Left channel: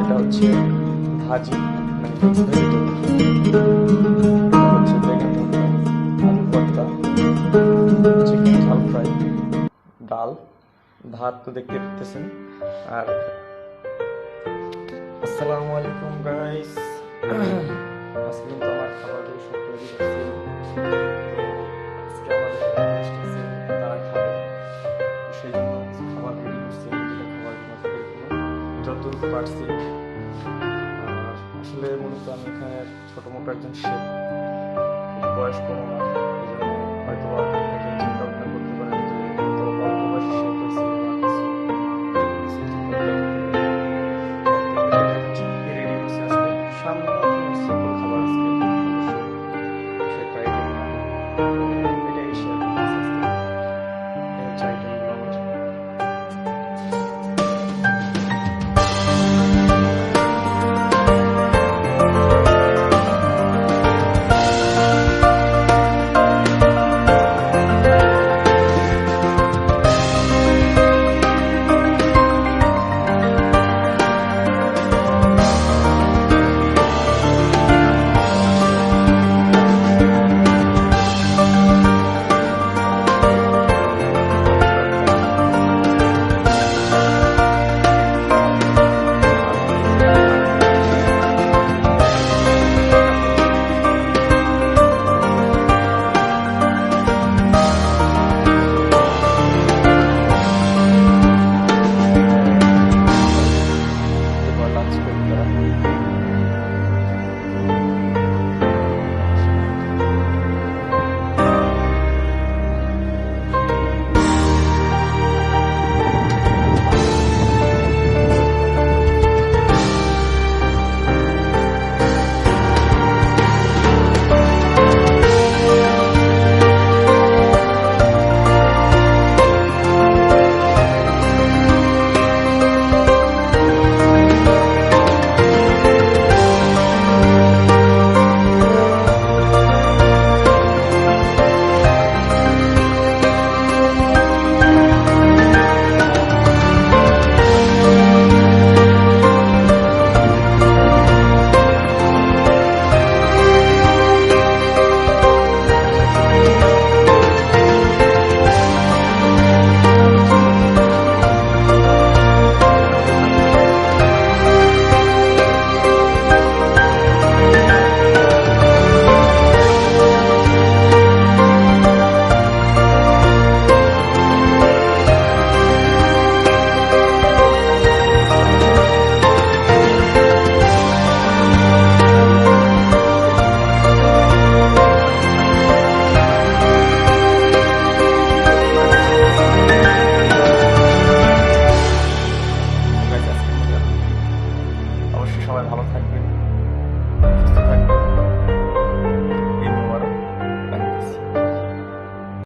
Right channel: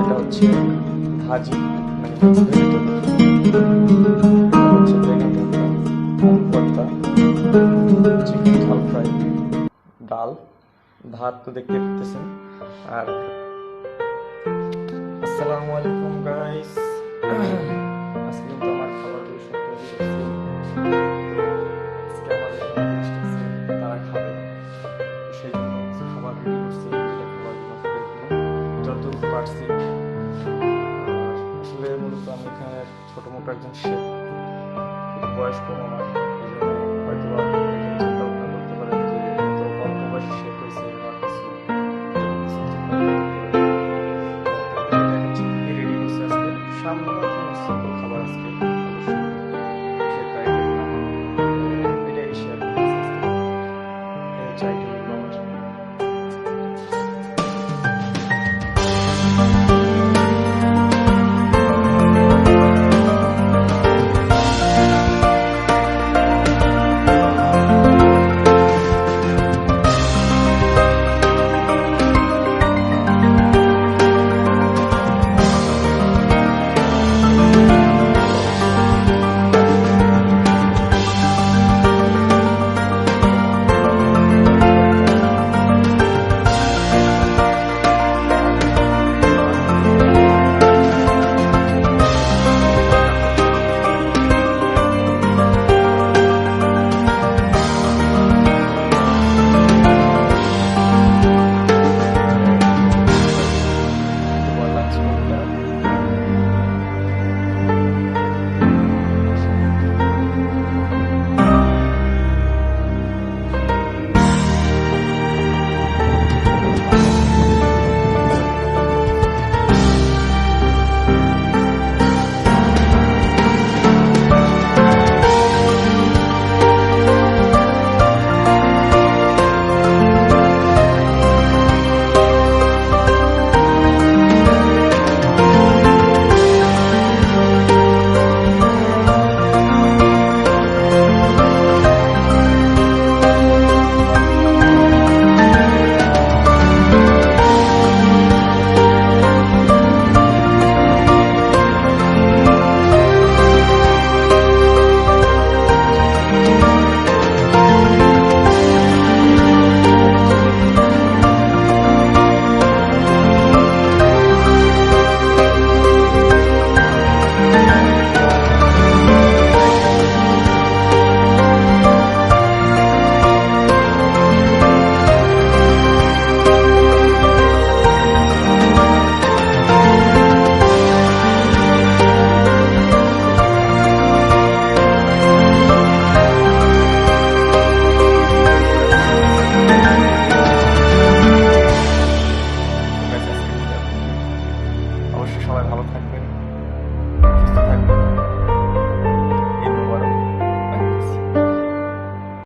এটা হচ্ছে ভাজি, মানে এটা হচ্ছে বেগুন ভর্তা, আলু ভর্তা, চিকেন ঝাল ফ্রাই, ডাল, ভাত তো দেখতে পেতেছেন। আর আসসালামু আলাইকুম গাইস, আজকে কিন্তু আমার খাবারগুলো সব তৈরি করছি। তো আজকে আমার গেস্ট আছে, তারা খাবে, তো সেই জন্য কিছু খাবার রেডি করছি। যেটা খাবারগুলো তাদের জন্য যতটুকু পারছি। আর আসলে মূলত আমি এখানে ছোটো মোটো একজন শেফ, বয়স কম আমার, এই জন্য হয়তো একজন চিন্তা ভাবনা করতে পারেন যে এত অল্প বয়সে শেফ হয়েছে, আমার কিছু কিছু চিন্তা ভাবনা করতে পারেন। রেডি করছি আজকে সামনে সিম্পল খাবার, আজকে অবশ্যই সেটা আইটেম না, এটাই শেয়ার করতেছি আজকে। এই হচ্ছে আইটেমগুলো আমার। লাঞ্চ করবো তারা। অবশ্যই সবাই ভালো থাকবেন, সুস্থ থাকবেন।